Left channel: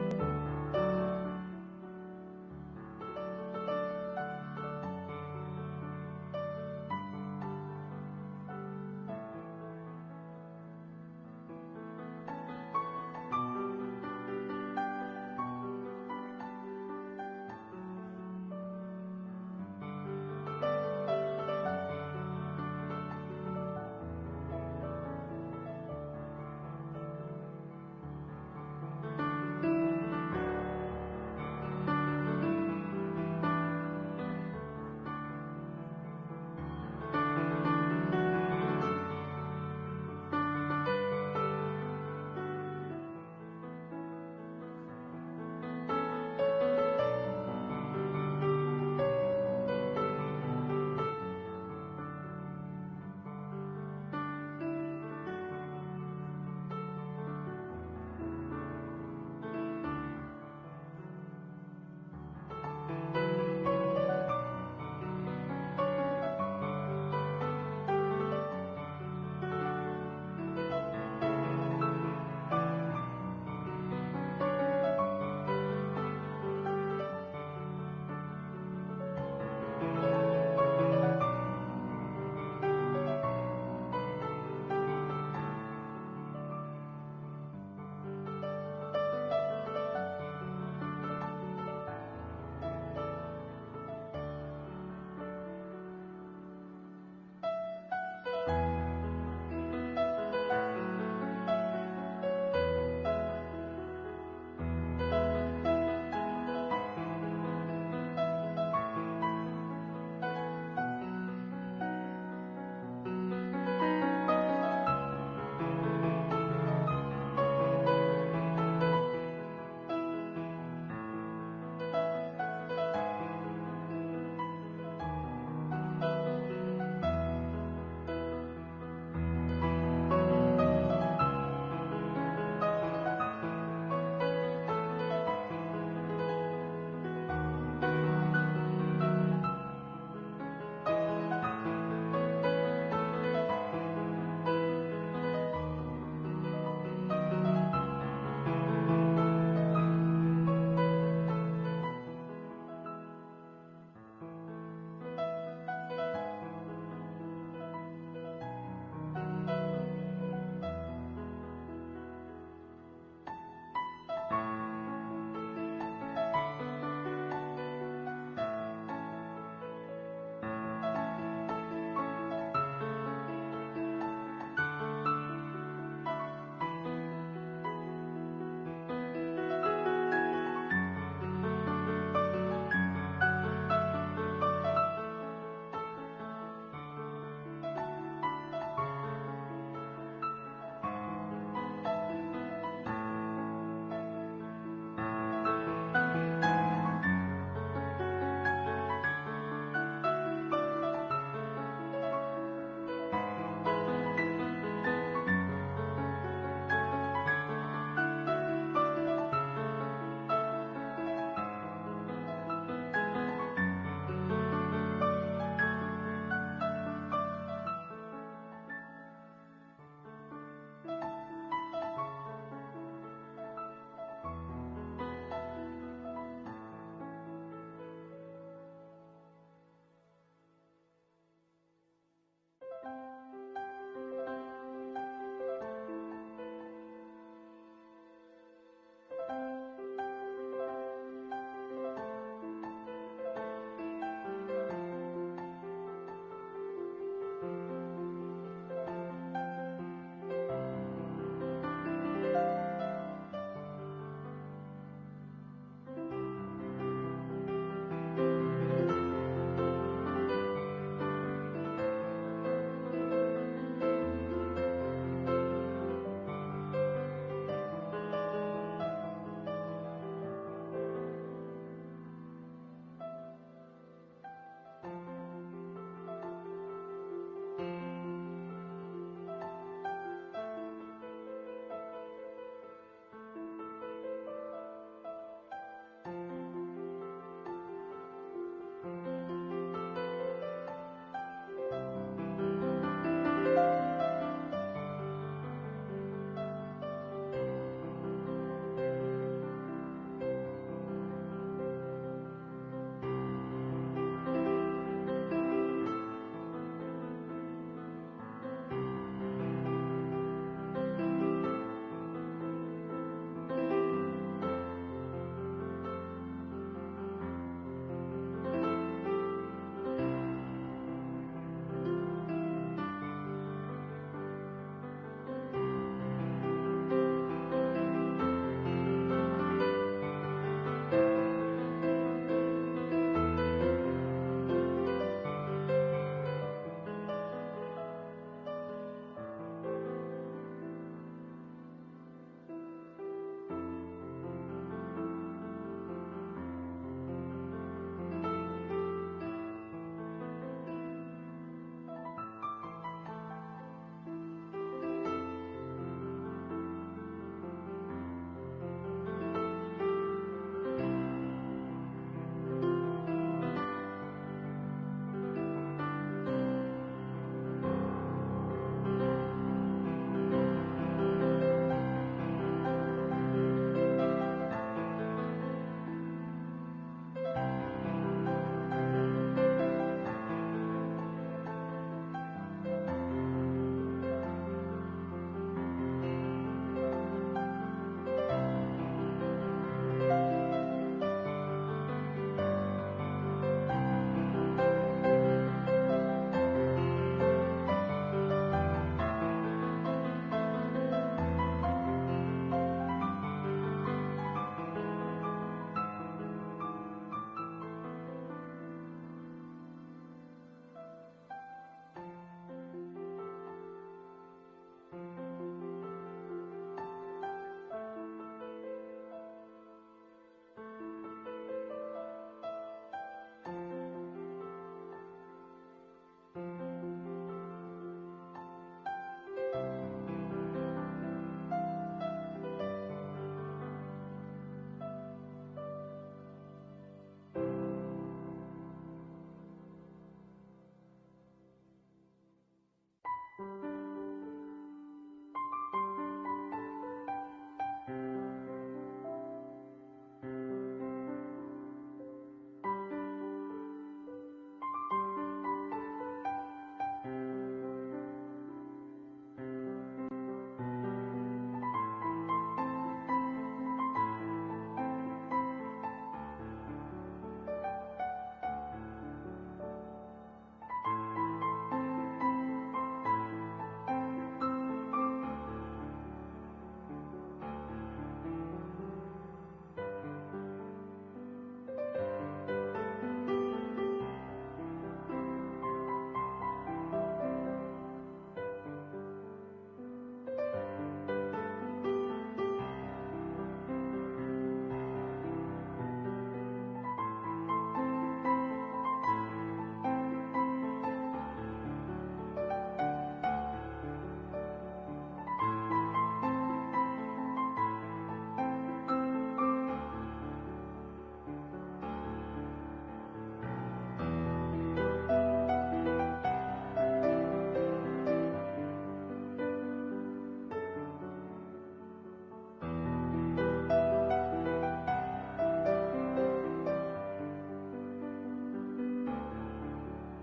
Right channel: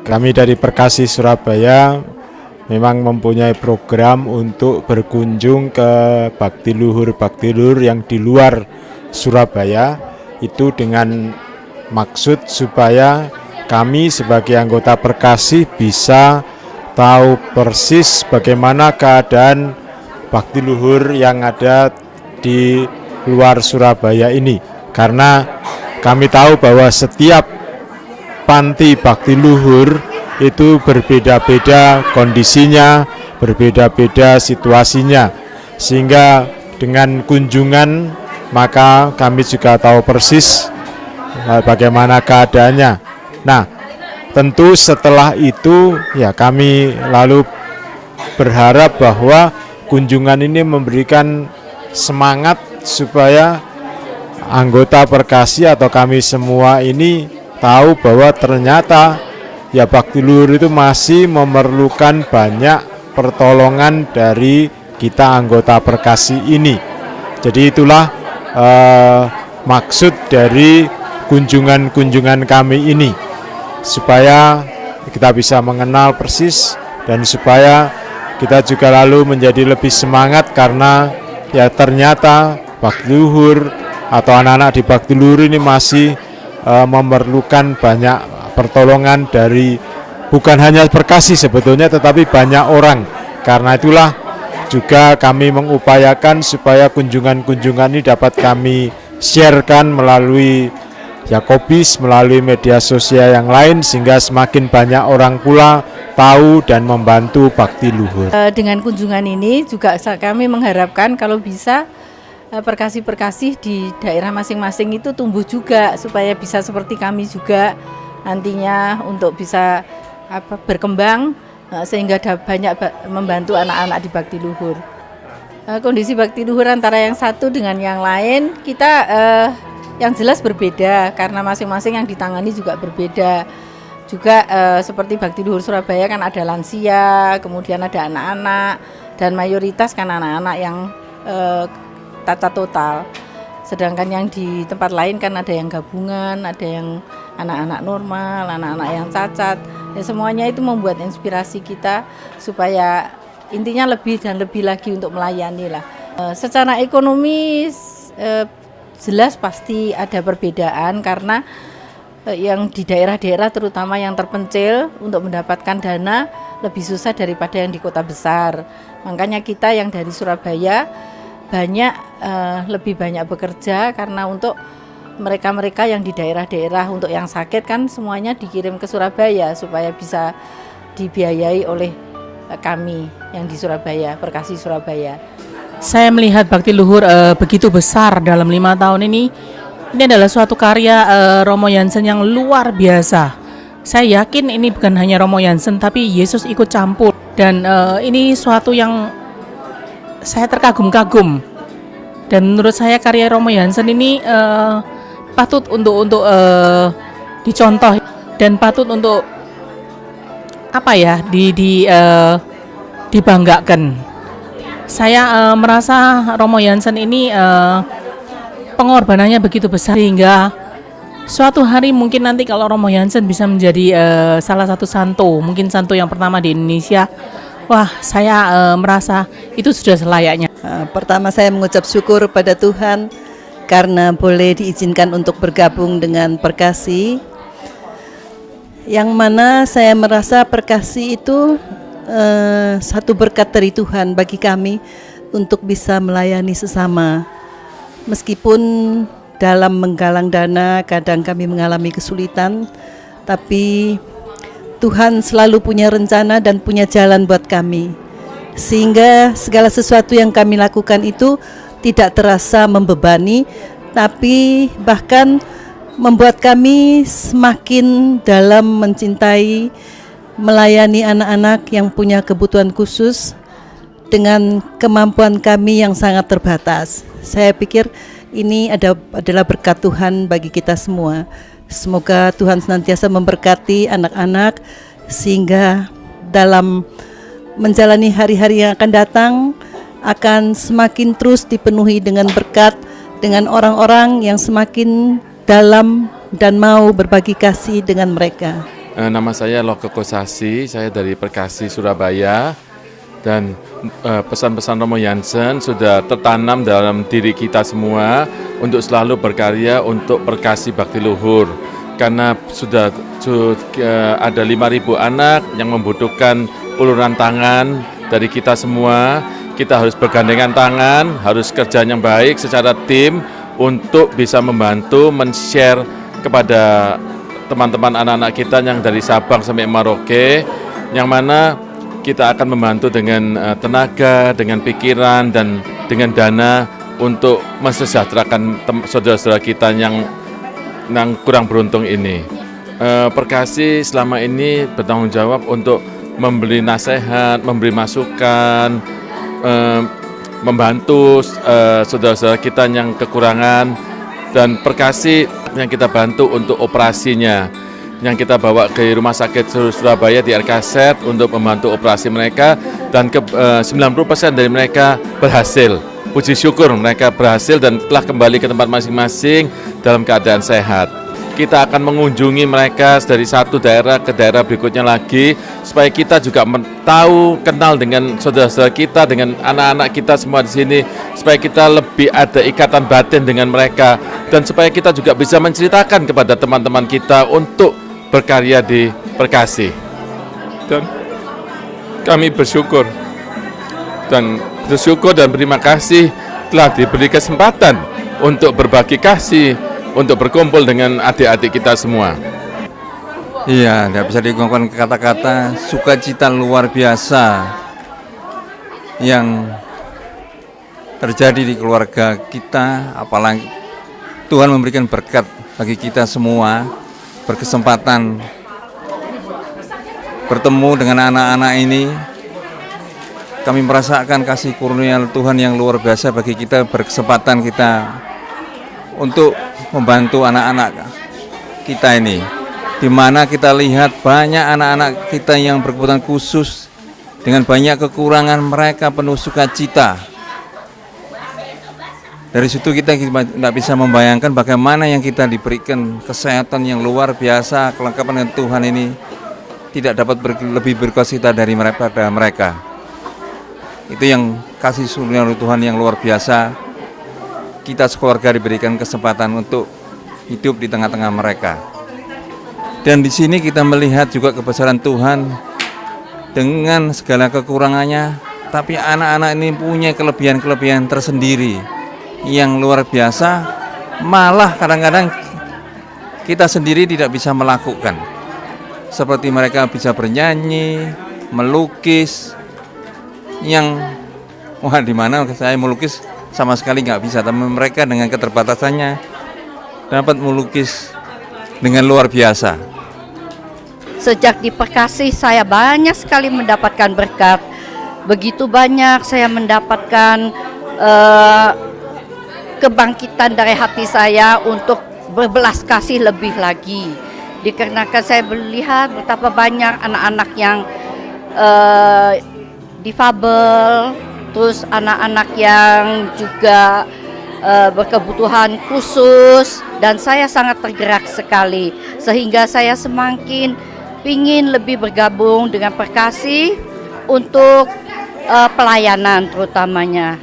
Kami dari Perkasi Surabaya memang mempunyai program untuk berkunjung ke bakti luhur yang di luar Surabaya, itu dengan maksud supaya kami sebagai anggota Perkasi bisa tahu persis bagaimana keadaan bakti luhur yang ada di luar Surabaya ini. Karena kami tahu bahwa setiap panti bakti luhur itu berbeda-beda kondisinya, berbeda-beda situasinya. Sehingga dengan kunjungan maka kami juga tahu persis bagaimana keadaannya. Nah, tentu setelah itu ya kami lalu berharap bahwa kunjungan ini memberikan semangat supaya anggota Perkasi atau kami semua ini tahu bahwa ternyata ya bakti luhur itu masih memerlukan banyak pertolongan dari kita anggota Perkasi ini. Jadi itulah maksud dari kunjungan-kunjungan kami ini, supaya kita bisa mengenal persis dan supaya kita juga lalu menjadi lebih semangat karena ya ternyata bakti luhur atau anak-anak di bakti luhur ini masih memerlukan banyak pertolongan dari bukan hanya Perkasi sebetulnya, tetapi banyak orang. Karena itulah juga kami mengupayakan supaya kunjungan-kunjungan ini dapat kami sharekan melalui Yakobis, melalui media sosial yang lain, sehingga semakin banyak orang pula tahu dan membantu bakti luhur. Dengan kunjungan ini juga kami mengharapkan kalau bisa Perkasi-Perkasi di daerah masing-masing itu tumbuh juga, supaya bisa seperti kami juga nantinya untuk bisa berkembang, sehingga banyak membantu anak-anak di bakti luhur. Kondisi bakti luhur antara yang satu dengan yang lain kita yang jelas berbeda karena masing-masing yang ditangani juga berbeda. Juga seperti bakti luhur Surabaya kan ada lansia, kemudian ada anak-anak, dan mayoritas kan anak-anak yang cacat total. Sedangkan yang di tempat lain kan ada yang gabungan, ada yang anak-anak normal, anak-anak yang cacat. Ya, semuanya itu membuat inspirasi kita supaya intinya lebih dan lebih lagi untuk melayani lah. Secara ekonomi jelas pasti ada perbedaan karena yang di daerah-daerah terutama yang terpencil untuk mendapatkan dana lebih susah daripada yang di kota besar. Makanya kita yang dari Surabaya lebih banyak bekerja karena untuk mereka-mereka yang di daerah-daerah untuk yang sakit kan semuanya dikirim ke Surabaya supaya bisa dibiayai oleh kami yang di Surabaya, Perkasi Surabaya. Saya melihat bakti luhur begitu besar dalam 5 tahun ini. Ini adalah suatu karya Romo Jansen yang luar biasa. Saya yakin ini bukan hanya Romo Jansen tapi Yesus ikut campur, dan ini suatu yang saya terkagum-kagum. Dan menurut saya karya Romo Jansen ini patut untuk dicontoh dan patut untuk dibanggakan. Saya merasa Romo Jansen ini pengorbanannya begitu besar sehingga suatu hari mungkin nanti kalau Romo Jansen bisa menjadi salah satu santo, mungkin santo yang pertama di Indonesia. Wah, saya merasa itu sudah selayaknya. Pertama saya mengucap syukur pada Tuhan karena boleh diizinkan untuk bergabung dengan Perkasi, yang mana saya merasa Perkasi itu satu berkat dari Tuhan bagi kami untuk bisa melayani sesama. Meskipun dalam menggalang dana kadang kami mengalami kesulitan, tapi Tuhan selalu punya rencana dan punya jalan buat kami, sehingga segala sesuatu yang kami lakukan itu tidak terasa membebani, tapi bahkan membuat kami semakin dalam mencintai, melayani anak-anak yang punya kebutuhan khusus dengan kemampuan kami yang sangat terbatas. Saya pikir ini adalah berkat Tuhan bagi kita semua. Semoga Tuhan senantiasa memberkati anak-anak sehingga dalam menjalani hari-hari yang akan datang akan semakin terus dipenuhi dengan berkat, dengan orang-orang yang semakin dalam dan mau berbagi kasih dengan mereka. Nama saya Loke Kosasi, saya dari Perkasi, Surabaya. Dan pesan-pesan Romo Jansen sudah tertanam dalam diri kita semua untuk selalu berkarya untuk Perkasi Bakti Luhur. Karena sudah ada 5.000 anak yang membutuhkan uluran tangan dari kita semua. Kita harus bergandengan tangan, harus kerja yang baik secara tim untuk bisa membantu men-share kepada teman-teman anak-anak kita yang dari Sabang sampai Merauke, yang mana kita akan membantu dengan tenaga, dengan pikiran, dan dengan dana untuk mensejahterakan saudara-saudara kita yang kurang beruntung ini. Perkasi selama ini bertanggung jawab untuk memberi nasihat, memberi masukan, membantu saudara-saudara kita yang kekurangan, dan Perkasi yang kita bantu untuk operasinya, yang kita bawa ke Rumah Sakit Surabaya di RKZ untuk membantu operasi mereka, dan 90% dari mereka berhasil. Puji syukur mereka berhasil dan telah kembali ke tempat masing-masing dalam keadaan sehat. Kita akan mengunjungi mereka dari satu daerah ke daerah berikutnya lagi, supaya kita juga tahu, kenal dengan saudara-saudara kita, dengan anak-anak kita semua di sini, supaya kita lebih ada ikatan batin dengan mereka, dan supaya kita juga bisa menceritakan kepada teman-teman kita untuk berkarya di Perkasi. Dan kami bersyukur dan berterima kasih telah diberi kesempatan untuk berbagi kasih, untuk berkumpul dengan adik-adik kita semua. Iya, tidak bisa diungkapkan kata-kata, sukacita luar biasa yang terjadi di keluarga kita. Apalagi Tuhan memberikan berkat bagi kita semua, berkesempatan bertemu dengan anak-anak ini. Kami merasakan kasih kurnia Tuhan yang luar biasa bagi kita, berkesempatan kita untuk membantu anak-anak kita ini, di mana kita lihat banyak anak-anak kita yang berkebutuhan khusus, dengan banyak kekurangan mereka penuh sukacita. Dari situ kita tidak bisa membayangkan bagaimana yang kita diberikan kesehatan yang luar biasa, kelengkapan dengan Tuhan ini tidak dapat lebih berkasih dari mereka. Itu yang kasih surga Tuhan yang luar biasa. Kita sekeluarga diberikan kesempatan untuk hidup di tengah-tengah mereka. Dan di sini kita melihat juga kebesaran Tuhan dengan segala kekurangannya, tapi anak-anak ini punya kelebihan-kelebihan tersendiri yang luar biasa. Malah kadang-kadang kita sendiri tidak bisa melakukan. Seperti mereka bisa bernyanyi, melukis, yang di mana saya melukis sama sekali nggak bisa, tapi mereka dengan keterbatasannya dapat melukis dengan luar biasa. Sejak di Perkasi saya banyak sekali mendapatkan berkat. Begitu banyak saya mendapatkan kebangkitan dari hati saya untuk berbelas kasih lebih lagi. Dikarenakan saya melihat betapa banyak anak-anak yang difabel, terus anak-anak yang juga berkebutuhan khusus, dan saya sangat tergerak sekali, sehingga saya semakin ingin lebih bergabung dengan Perkasi untuk pelayanan terutamanya.